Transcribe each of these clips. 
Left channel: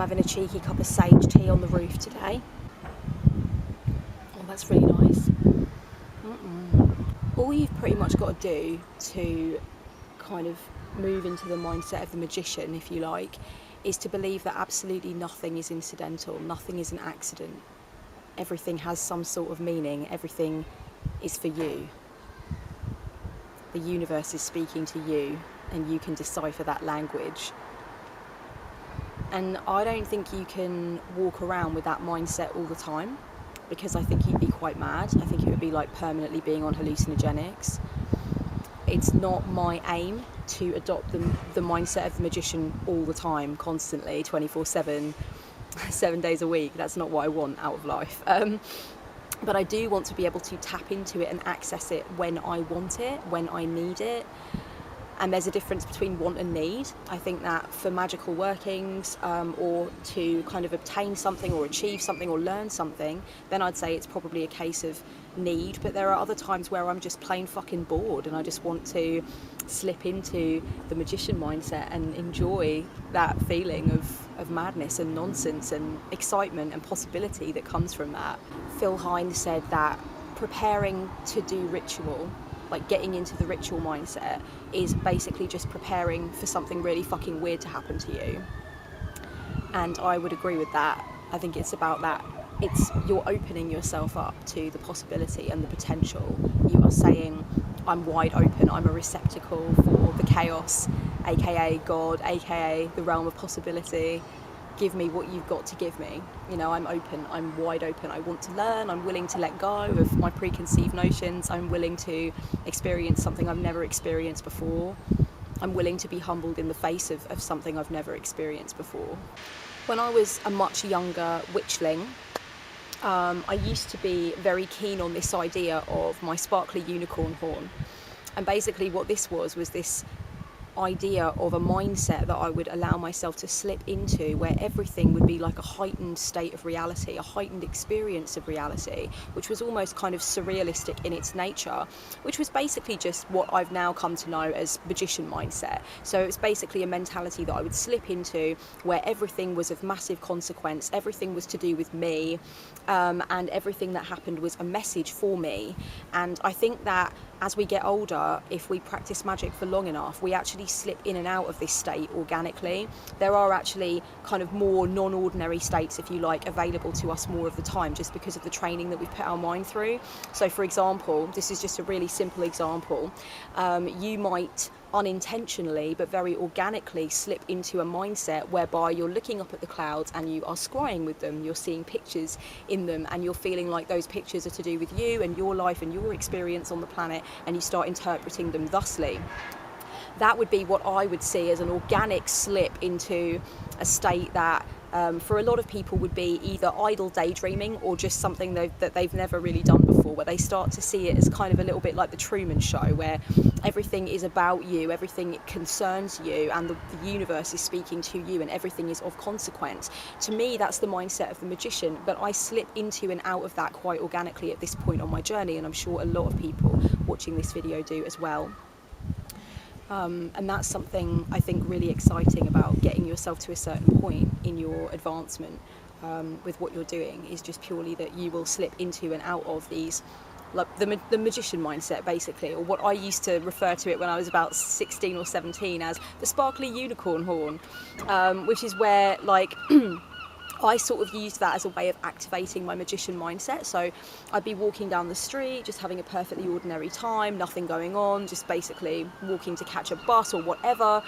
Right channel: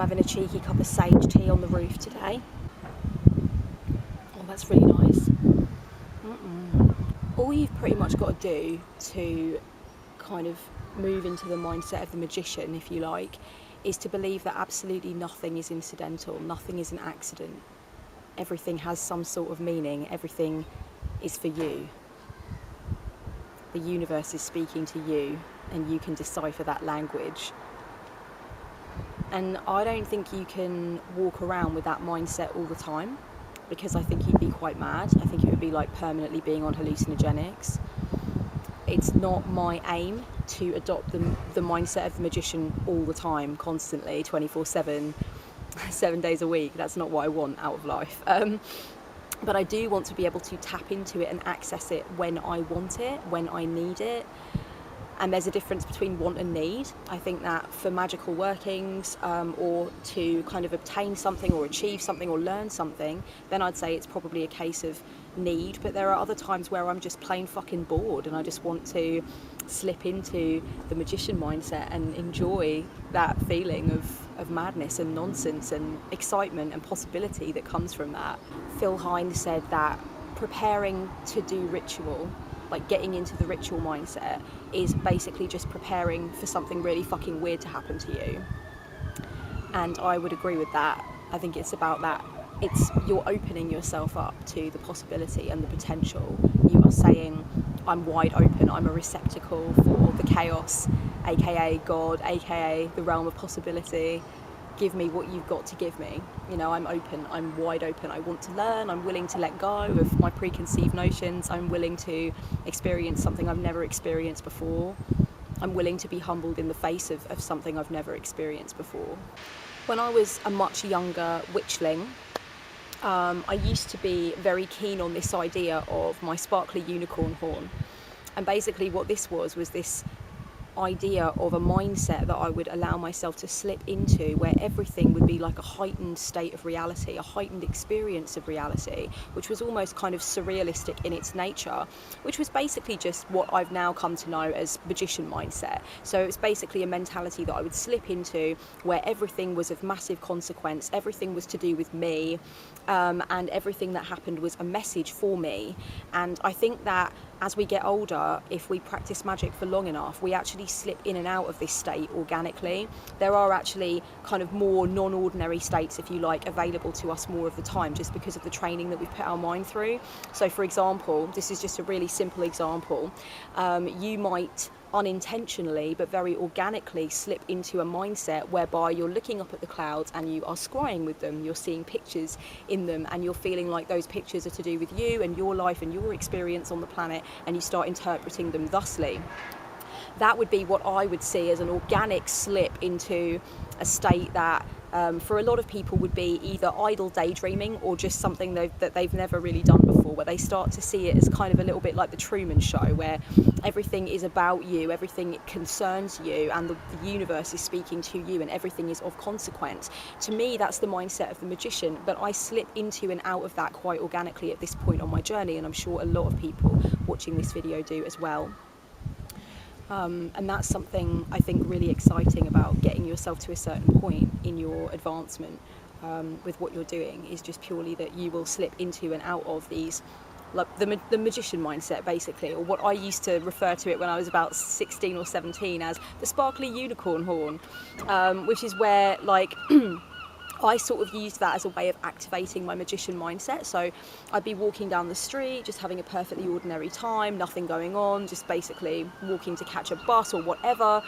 I'm having a cheeky cup of sage tea on the roof today. Oh, that's really nice. All you've pretty much got to do to kind of move into the mindset of the magician, if you like, is to believe that absolutely nothing is incidental, nothing is an accident. Everything has some sort of meaning, everything is for you. The universe is speaking to you, and you can decipher that language. And I don't think you can walk around with that mindset all the time, because I think you'd be quite mad. I think it would be like permanently being on hallucinogenics. It's not my aim to adopt the mindset of the magician all the time, constantly, 24/7, 7 days a week. That's not what I want out of life. But I do want to be able to tap into it and access it when I want it, when I need it. And there's a difference between want and need. I think that for magical workings, or to kind of obtain something or achieve something or learn something, then I'd say it's probably a case of need. But there are other times where I'm just plain fucking bored and I just want to slip into the magician mindset and enjoy that feeling of madness and nonsense and excitement and possibility that comes from that. Phil Hine said that preparing to do ritual, like getting into the ritual mindset, is basically just preparing for something really fucking weird to happen to you. And I would agree with that. I think it's about that. You're opening yourself up to the possibility and the potential. You are saying, I'm wide open, I'm a receptacle for the chaos, aka God, aka the realm of possibility. Give me what you've got to give me. You know, I'm open, I'm wide open. I want to learn, I'm willing to let go of my preconceived notions. I'm willing to experience something I've never experienced before. I'm willing to be humbled in the face of something I've never experienced before. When I was a much younger witchling, I used to be very keen on this idea of my sparkly unicorn horn. And basically what this was this idea of a mindset that I would allow myself to slip into, where everything would be like a heightened state of reality, a heightened experience of reality, which was almost kind of surrealistic in its nature, which was basically just what I've now come to know as magician mindset. So it's basically a mentality that I would slip into where everything was of massive consequence, everything was to do with me, and everything that happened was a message for me. And I think that as we get older, if we practice magic for long enough, we actually slip in and out of this state organically. There are actually kind of more non-ordinary states, if you like, available to us more of the time, just because of the training that we've put our mind through. So for example, this is just a really simple example, you might unintentionally but very organically slip into a mindset whereby you're looking up at the clouds and you are scrying with them, you're seeing pictures in them, and you're feeling like those pictures are to do with you and your life and your experience on the planet, and you start interpreting them thusly. That would be what I would see as an organic slip into a state that for a lot of people would be either idle daydreaming or just something that they've never really done before, where they start to see it as kind of a little bit like the Truman Show, where everything is about you, everything concerns you, and the universe is speaking to you, and everything is of consequence. To me, that's the mindset of the magician, but I slip into and out of that quite organically at this point on my journey, and I'm sure a lot of people watching this video do as well. And that's something I think really exciting about getting yourself to a certain point in your advancement with what you're doing, is just purely that you will slip into and out of these, like the magician mindset basically, or what I used to refer to it when I was about 16 or 17 as the sparkly unicorn horn, which is where like I sort of used that as a way of activating my magician mindset. So I'd be walking down the street, just having a perfectly ordinary time, nothing going on, just basically walking to catch a bus or whatever.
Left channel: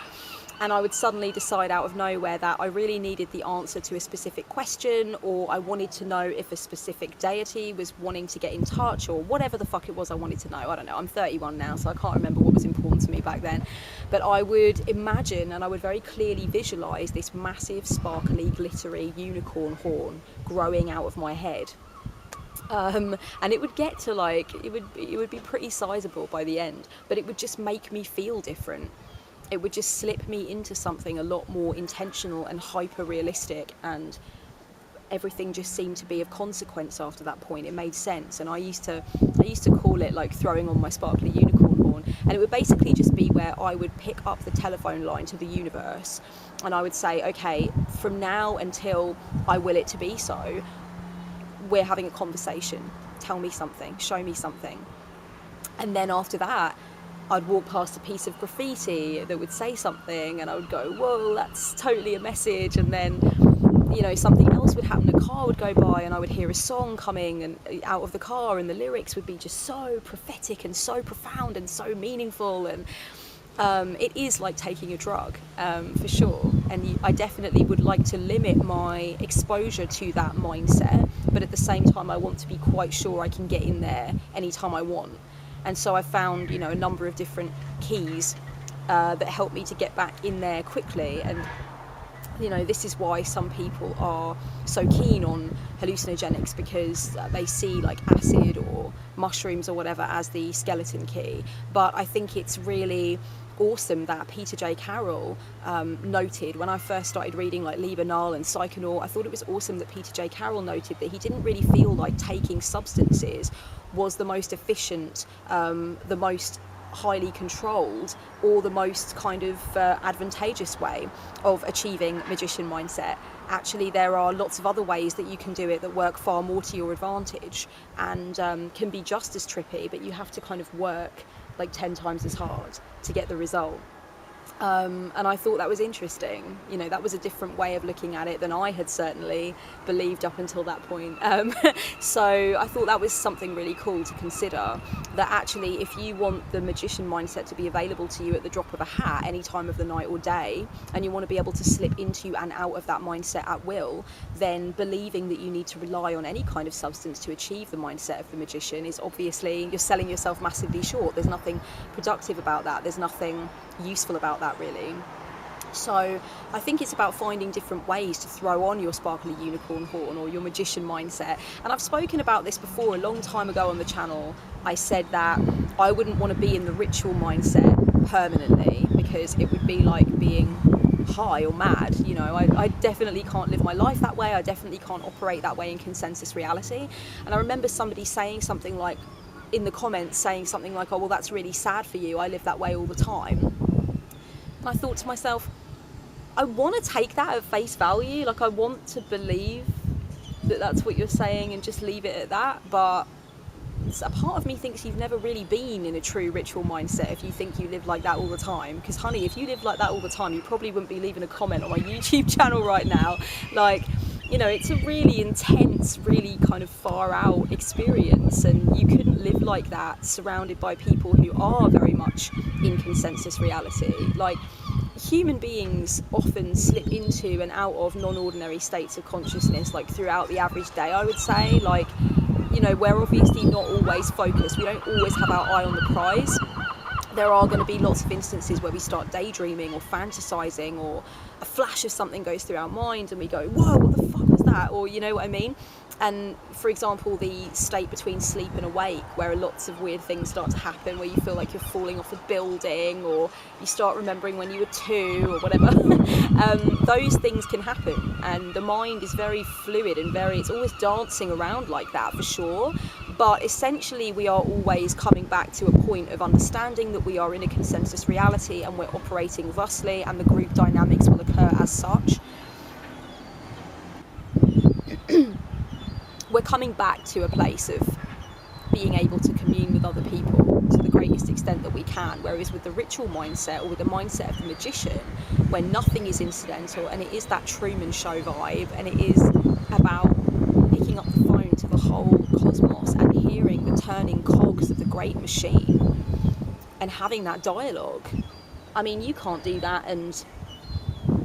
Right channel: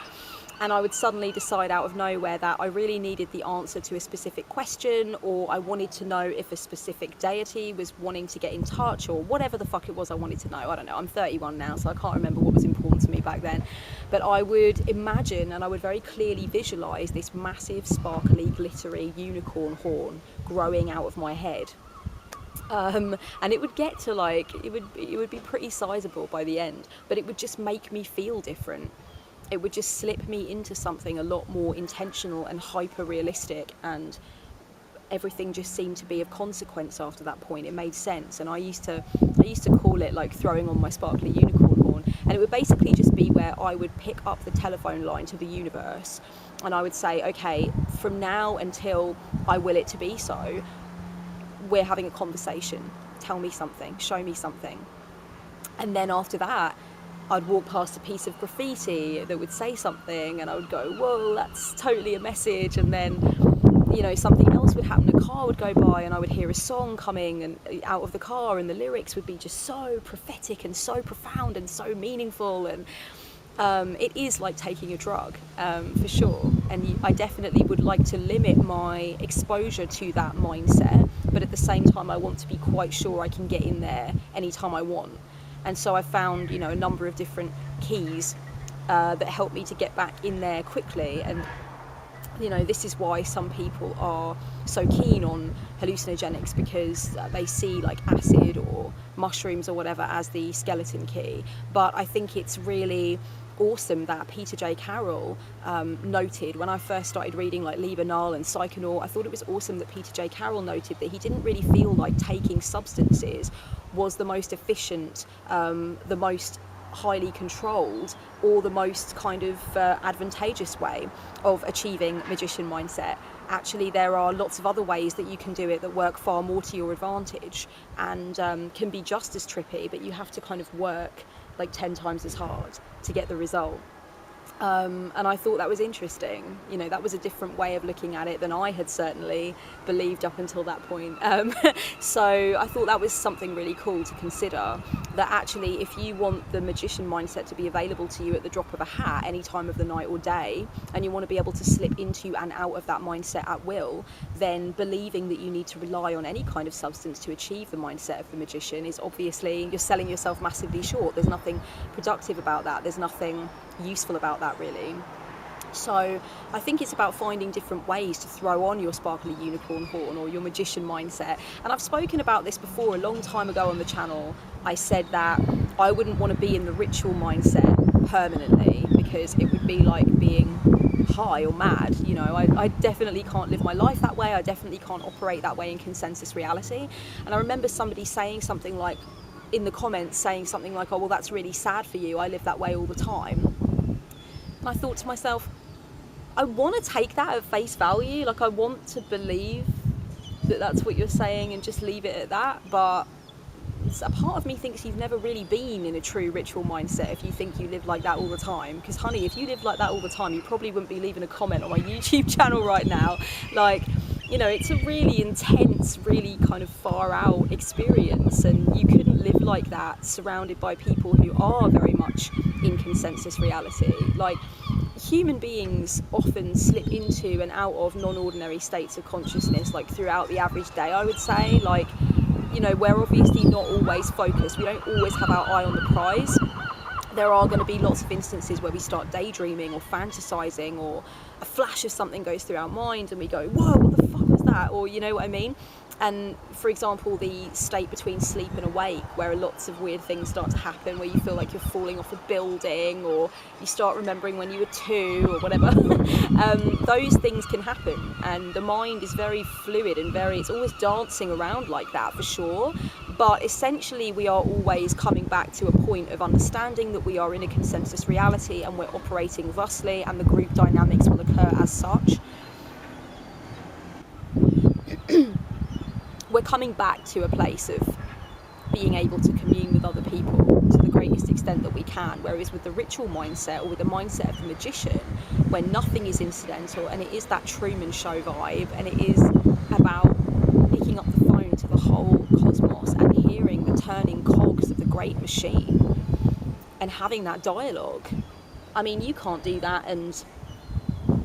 And I would suddenly decide out of nowhere that I really needed the answer to a specific question, or I wanted to know if a specific deity was wanting to get in touch, or whatever the fuck it was I wanted to know. I don't know, I'm 31 now, so I can't remember what was important to me back then. But I would imagine, and I would very clearly visualize this massive, sparkly, glittery unicorn horn growing out of my head. And it would get to like, it would be pretty sizable by the end, but it would just make me feel different. It would just slip me into something a lot more intentional and hyper realistic and everything just seemed to be of consequence after that point. It made sense, and I used to call it like throwing on my sparkly unicorn horn, and it would basically just be where I would pick up the telephone line to the universe, and I would say, okay, from now until I will it to be so, we're having a conversation. Tell me something, show me something. And then after that, I'd walk past a piece of graffiti that would say something, and I would go, whoa, that's totally a message. And then, you know, something else would happen. A car would go by and I would hear a song coming and out of the car, and the lyrics would be just so prophetic and so profound and so meaningful. And it is like taking a drug, for sure. And I definitely would like to limit my exposure to that mindset, but at the same time I want to be quite sure I can get in there anytime I want. And so I found, you know, a number of different keys that help me to get back in there quickly. And, you know, this is why some people are so keen on hallucinogenics, because they see like acid or mushrooms or whatever as the skeleton key. But I think it's really awesome that Peter J. Carroll noted, when I first started reading like Libanal and Psychonaut, I thought it was awesome that Peter J. Carroll noted that he didn't really feel like taking substances was the most efficient, the most highly controlled, or the most kind of advantageous way of achieving magician mindset. Actually, there are lots of other ways that you can do it that work far more to your advantage and can be just as trippy, but you have to kind of work like 10 times as hard to get the result. And I thought that was interesting. You know, that was a different way of looking at it than I had certainly believed up until that point. So I thought that was something really cool to consider, that actually if you want the magician mindset to be available to you at the drop of a hat any time of the night or day, and you want to be able to slip into and out of that mindset at will, then believing that you need to rely on any kind of substance to achieve the mindset of the magician is obviously, you're selling yourself massively short. There's nothing productive about that. There's nothing useful about that, really. So I think it's about finding different ways to throw on your sparkly unicorn horn or your magician mindset. And I've spoken about this before a long time ago on the channel. I said that I wouldn't want to be in the ritual mindset permanently, because it would be like being high or mad. You know, I definitely can't live my life that way. I definitely can't operate that way in consensus reality. And I remember somebody saying something like, in the comments, saying something like, oh, well, that's really sad for you. I live that way all the time. And I thought to myself, I want to take that at face value. Like, I want to believe that that's what you're saying and just leave it at that. But a part of me thinks you've never really been in a true ritual mindset if you think you live like that all the time. Because, honey, if you lived like that all the time, you probably wouldn't be leaving a comment on my YouTube channel right now. Like, you know, it's a really intense, really kind of far out experience, and you couldn't live like that surrounded by people who are very much in consensus reality. Like, human beings often slip into and out of non-ordinary states of consciousness, like throughout the average day, I would say. Like, you know, we're obviously not always focused. We don't always have our eye on the prize. There are going to be lots of instances where we start daydreaming or fantasizing, or a flash of something goes through our mind and we go, whoa, what the fuck was that? Or, you know what I mean? And for example, the state between sleep and awake, where lots of weird things start to happen, where you feel like you're falling off a building, or you start remembering when you were 2 or whatever. Those things can happen, and the mind is very fluid and it's always dancing around like that, for sure. But essentially we are always coming back to a point of understanding that we are in a consensus reality and we're operating thusly, and the group dynamics will occur as such. We're coming back to a place of being able to commune with other people to the greatest extent that we can, whereas with the ritual mindset, or with the mindset of the magician, where nothing is incidental and it is that Truman Show vibe, and it is about picking up the phone to the whole cosmos and hearing the turning cogs of the great machine and having that dialogue. I mean, you can't do that and,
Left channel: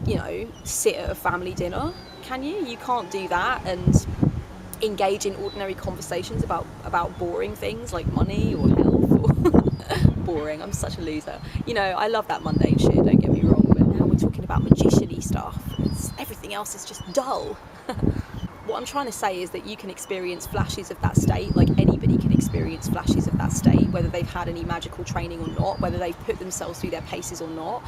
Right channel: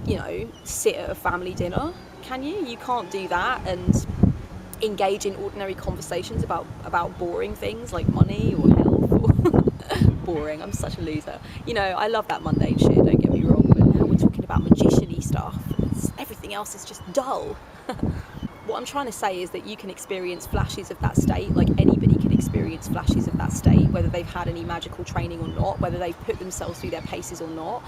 you know, sit at a family dinner, can you? You can't do that and engage in ordinary conversations about boring things like money or health or boring. I'm such a loser. You know, I love that mundane shit, don't get me wrong, but now we're talking about magician-y stuff. Everything else is just dull. What I'm trying to say is that you can experience flashes of that state, like anybody can experience flashes of that state, whether they've had any magical training or not, whether they've put themselves through their paces or not.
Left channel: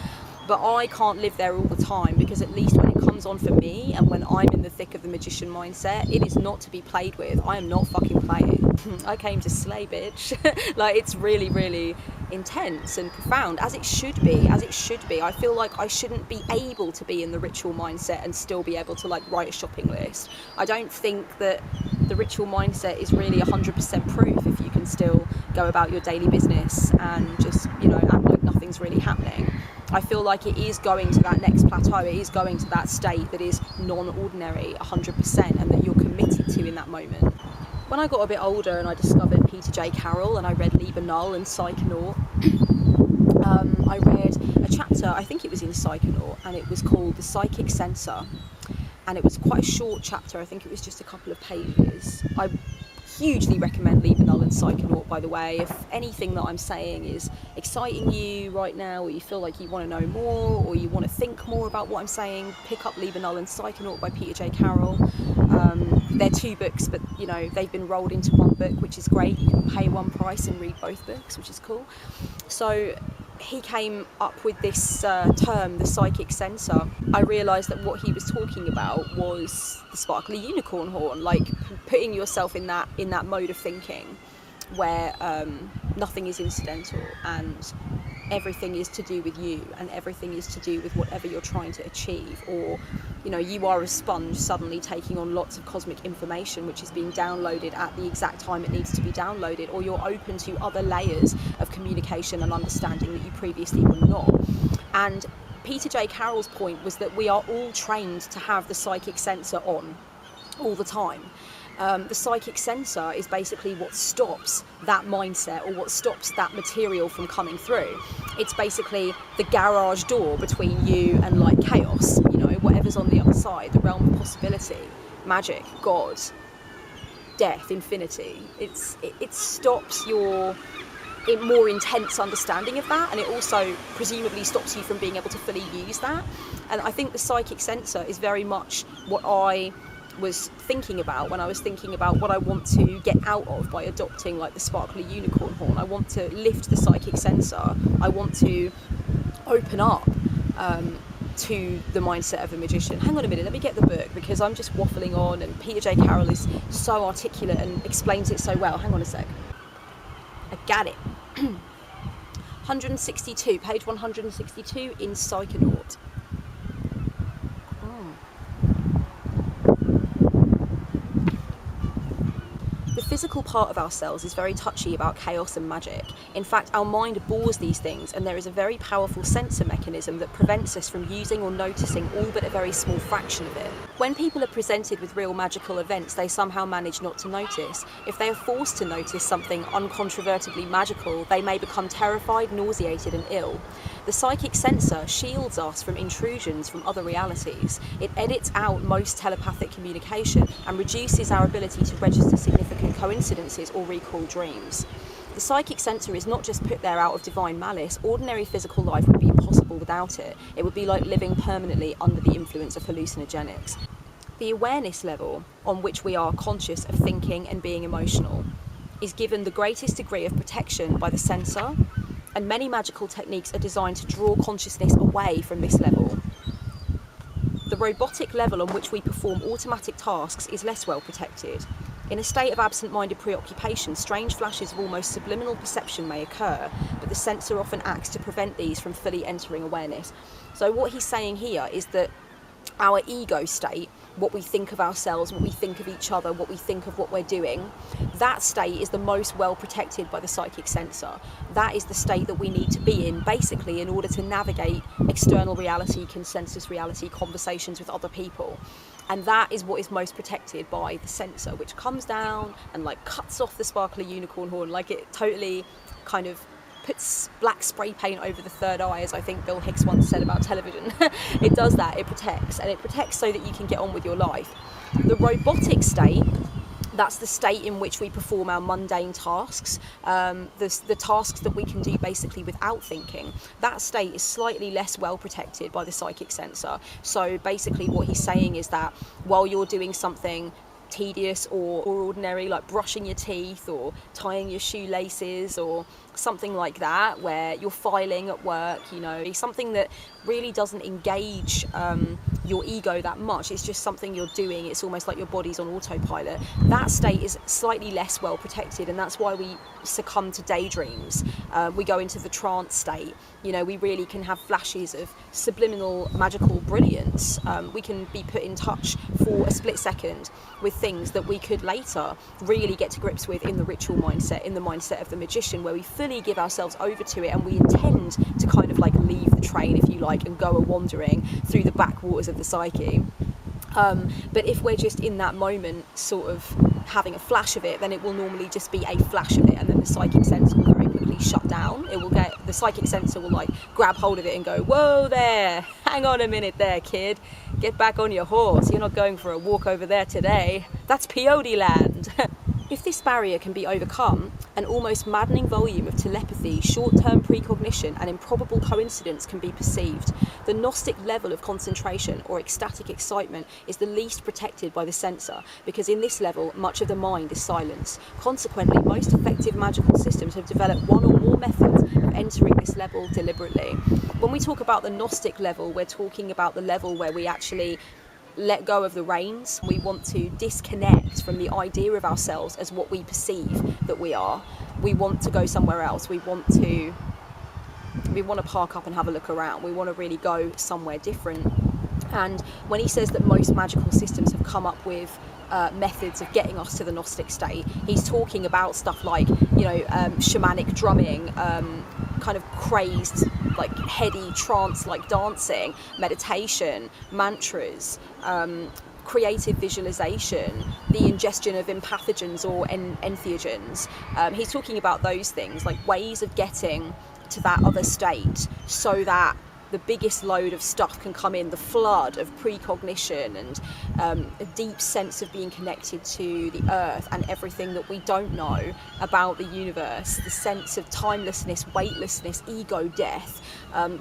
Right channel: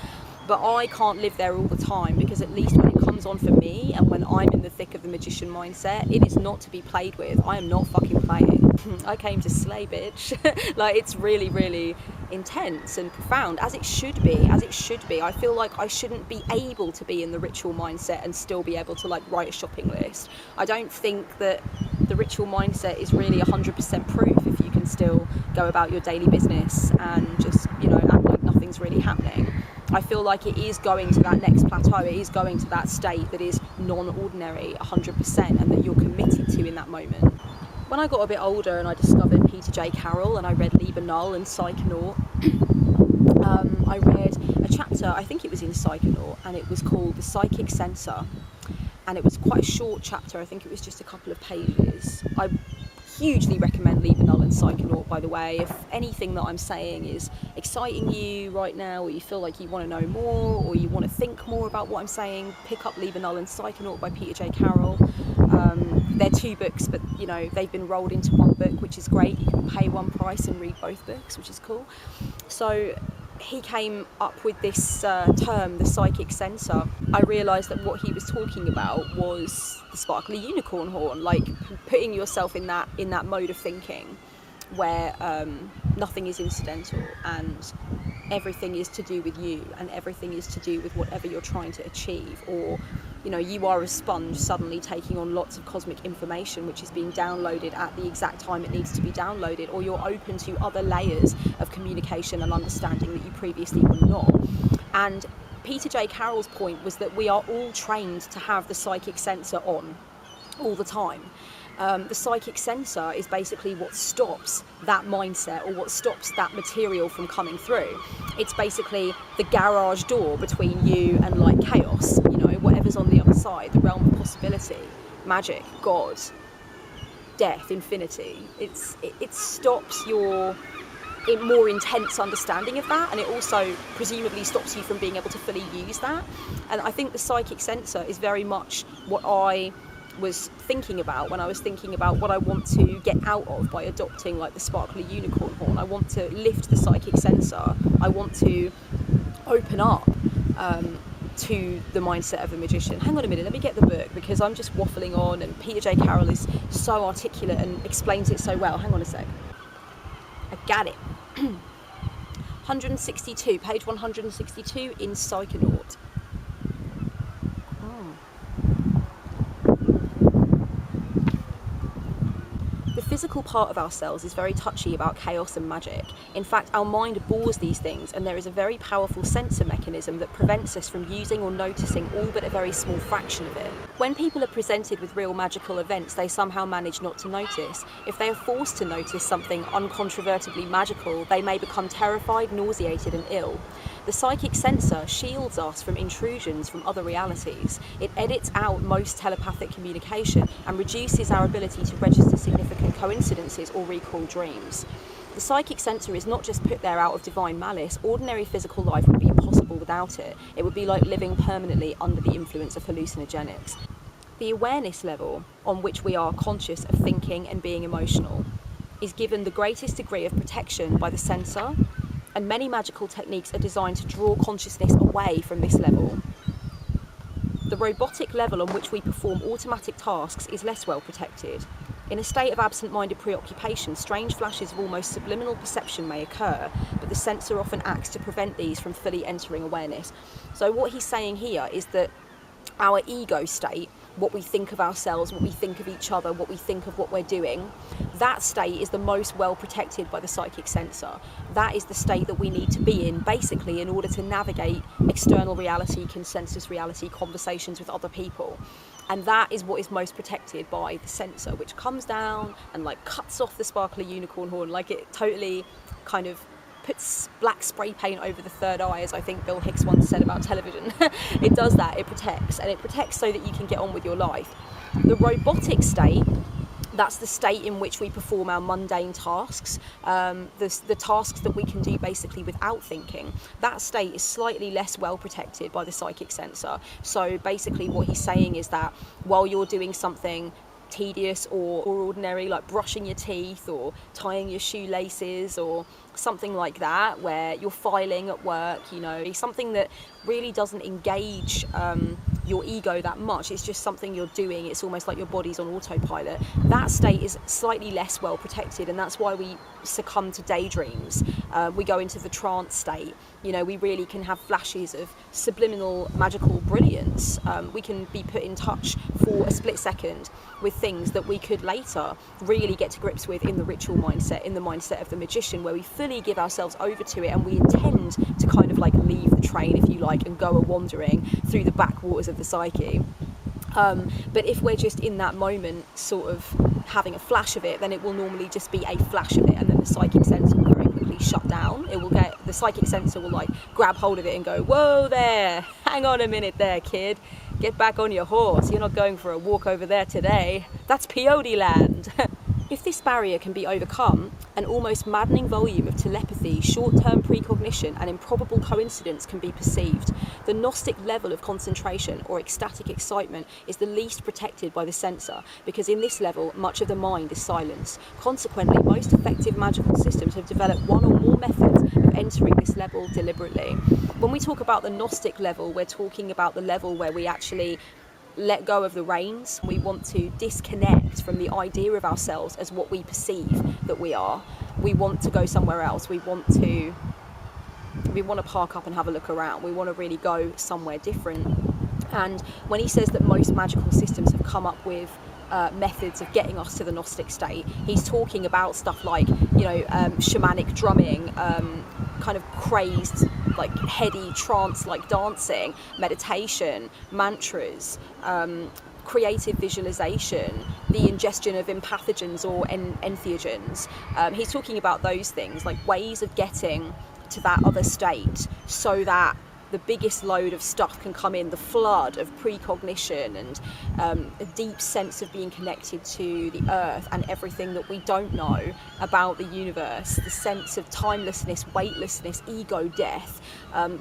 But I can't live there all the time, because at least when it comes on for me and when I'm in the thick of the magician mindset, it is not to be played with. I am not fucking playing. I came to slay, bitch. Like, it's really, really intense and profound, as it should be. I feel like I shouldn't be able to be in the ritual mindset and still be able to like write a shopping list. I don't think that the ritual mindset is really 100% proof if you can still go about your daily business and just, you know, act like nothing's really happening. I feel like it is going to that next plateau, it is going to that state that is non-ordinary 100% and that you're committed to in that moment. When I got a bit older and I discovered Peter J. Carroll and I read Liber Null and Psychonaut, I read a chapter, I think it was in Psychonaut, and it was called The Psychic Censor, and it was quite a short chapter. I think it was just a couple of pages. I hugely recommend Liber Null and Psychonaut, by the way. If anything that I'm saying is exciting you right now, or you feel like you want to know more, or you want to think more about what I'm saying, pick up Liber Null and Psychonaut by Peter J. Carroll. They're two books, but you know, they've been rolled into one book, which is great. You can pay one price and read both books, which is cool. So he came up with this term, the psychic censor. I realised that what he was talking about was the sparkly unicorn horn, like putting yourself in that mode of thinking where nothing is incidental and everything is to do with you and everything is to do with whatever you're trying to achieve. Or, you know, you are a sponge suddenly taking on lots of cosmic information which is being downloaded at the exact time it needs to be downloaded, or you're open to other layers of communication and understanding that you previously were not. And Peter J. Carroll's point was that we are all trained to have the psychic censor on all the time. The psychic censor is basically what stops that mindset, or what stops that material from coming through. It's basically the garage door between you and like chaos, you know, whatever's on the other side, the realm of possibility, magic, God, death, infinity. It stops your more intense understanding of that, and it also presumably stops you from being able to fully use that. And I think the psychic censor is very much what I was thinking about when I was thinking about what I want to get out of by adopting like the sparkly unicorn horn. I want to lift the psychic censor. I want to open up to the mindset of a magician. Hang on a minute, let me get the book, because I'm just waffling on and Peter J. Carroll is so articulate and explains it so well. Hang on a sec. I got it. 162, page 162 in Psychonaut. The physical part of ourselves is very touchy about chaos and magic. In fact, our mind bores these things, and there is a very powerful censor mechanism that prevents us from using or noticing all but a very small fraction of it. When people are presented with real magical events, they somehow manage not to notice. If they are forced to notice something uncontrovertibly magical, they may become terrified, nauseated, and ill. The psychic censor shields us from intrusions from other realities. It edits out most telepathic communication and reduces our ability to register significant coincidences or recall dreams. The psychic censor is not just put there out of divine malice. Ordinary physical life would be impossible without it. It would be like living permanently under the influence of hallucinogenics. The awareness level on which we are conscious of thinking and being emotional is given the greatest degree of protection by the censor, and many magical techniques are designed to draw consciousness away from this level. The robotic level on which we perform automatic tasks is less well protected. In a state of absent-minded preoccupation, strange flashes of almost subliminal perception may occur, but the censor often acts to prevent these from fully entering awareness. So what he's saying here is that our ego state, what we think of ourselves, what we think of each other, what we think of what we're doing, that state is the most well protected by the psychic censor. That is the state that we need to be in, basically, in order to navigate external reality, consensus reality, conversations with other people. And that is what is most protected by the censor, which comes down and like cuts off the sparkly unicorn horn, like it totally kind of puts black spray paint over the third eye, as I think Bill Hicks once said about television. It does that, it protects, and it protects so that you can get on with your life. The robotic state, that's the state in which we perform our mundane tasks, the tasks that we can do basically without thinking. That state is slightly less well protected by the psychic censor. So basically what he's saying is that while you're doing something tedious or ordinary, like brushing your teeth or tying your shoelaces or something like that, where you're filing at work, you know, something that really doesn't engage your ego that much. It's just something you're doing. It's almost like your body's on autopilot. That state is slightly less well protected, and that's why we succumb to daydreams. We go into the trance state. You know, we really can have flashes of subliminal magical brilliance. We can be put in touch for a split second with things that we could later really get to grips with in the ritual mindset, in the mindset of the magician, where we fully give ourselves over to it and we intend to kind of like leave the train, if you like, and go a-wandering through the backwaters of the psyche. But if we're just in that moment sort of having a flash of it, then it will normally just be a flash of it, and then the psychic sensor will very quickly shut down. The psychic sensor will like grab hold of it and go, whoa there, hang on a minute there, kid, get back on your horse, you're not going for a walk over there today, that's peyote land. If this barrier can be overcome, an almost maddening volume of telepathy, short-term precognition and improbable coincidence can be perceived. The Gnostic level of concentration or ecstatic excitement is the least protected by the censor, because in this level much of the mind is silenced. Consequently, most effective magical systems have developed one or more methods of entering this level deliberately. When we talk about the Gnostic level, we're talking about the level where we actually let go of the reins. We want to disconnect from the idea of ourselves as what we perceive that we are. We want to go somewhere else. We want to park up and have a look around. We want to really go somewhere different. And when he says that most magical systems have come up with methods of getting us to the Gnostic state, he's talking about stuff like, you know, shamanic drumming, kind of crazed, like heady trance-like dancing, meditation, mantras, creative visualization, the ingestion of empathogens or entheogens. He's talking about those things, like ways of getting to that other state so that the biggest load of stuff can come in, the flood of precognition and a deep sense of being connected to the earth and everything that we don't know about the universe, the sense of timelessness, weightlessness, ego death,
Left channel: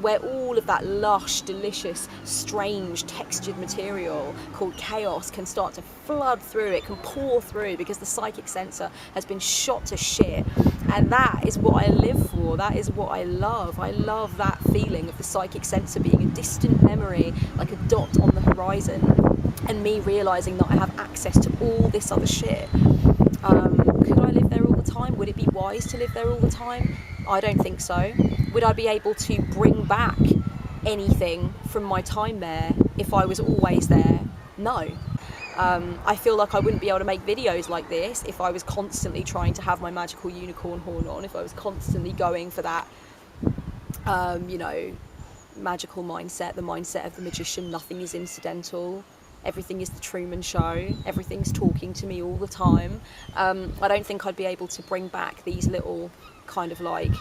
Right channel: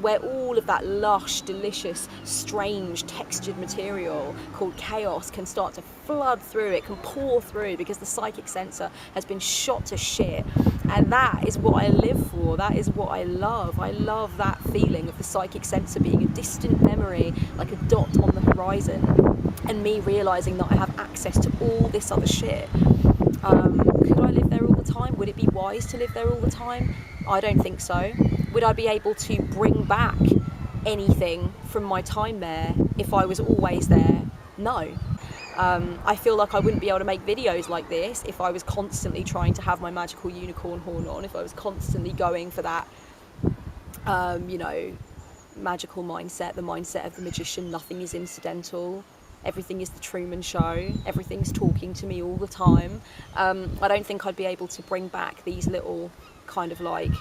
where all of that lush, delicious, strange, textured material called chaos can start to flood through, it can pour through, because the psychic sensor has been shot to shit. And that is what I live for, that is what I love. I love that feeling of the psychic sensor being a distant memory, like a dot on the horizon, and me realising that I have access to all this other shit. Could I live there all the time? Would it be wise to live there all the time? I don't think so. Would I be able to bring back anything from my time there if I was always there? No. I feel like I wouldn't be able to make videos like this if I was constantly trying to have my magical unicorn horn on, if I was constantly going for that, you know, magical mindset, the mindset of the magician. Nothing is incidental, everything is the Truman Show, everything's talking to me all the time. I don't think I'd be able to bring back these little kind of like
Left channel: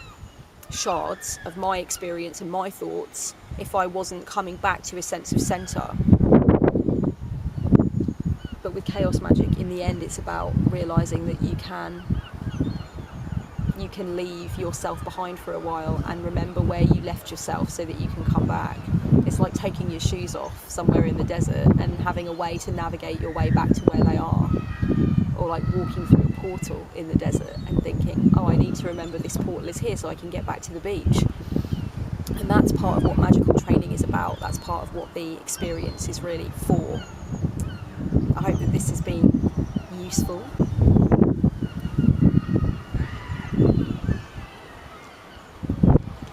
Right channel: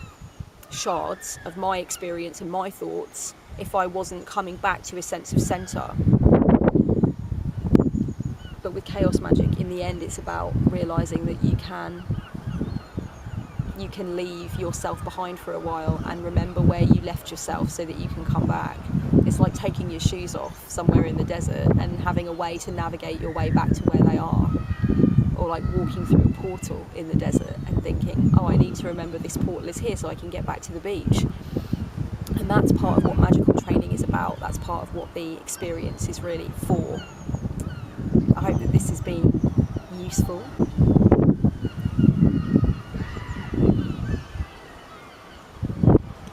shards of my experience and my thoughts if I wasn't coming back to a sense of center. But with chaos magic, in the end, it's about realizing that you can leave yourself behind for a while and remember where you left yourself so that you can come back. It's like taking your shoes off somewhere in the desert and having a way to navigate your way back to where they are. Or like walking through a portal in the desert and thinking, oh, I need to remember this portal is here so I can get back to the beach. And that's part of what magical training is about. That's part of what the experience is really for. I hope that this has been useful.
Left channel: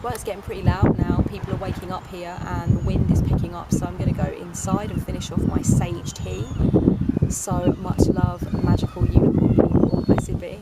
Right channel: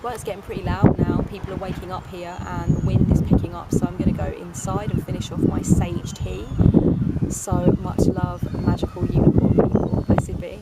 Well, it's getting pretty loud now. People are waking up here and the wind is picking up, so I'm going to go inside and finish off my sage tea. So much love, magical unicorn people. Blessed be.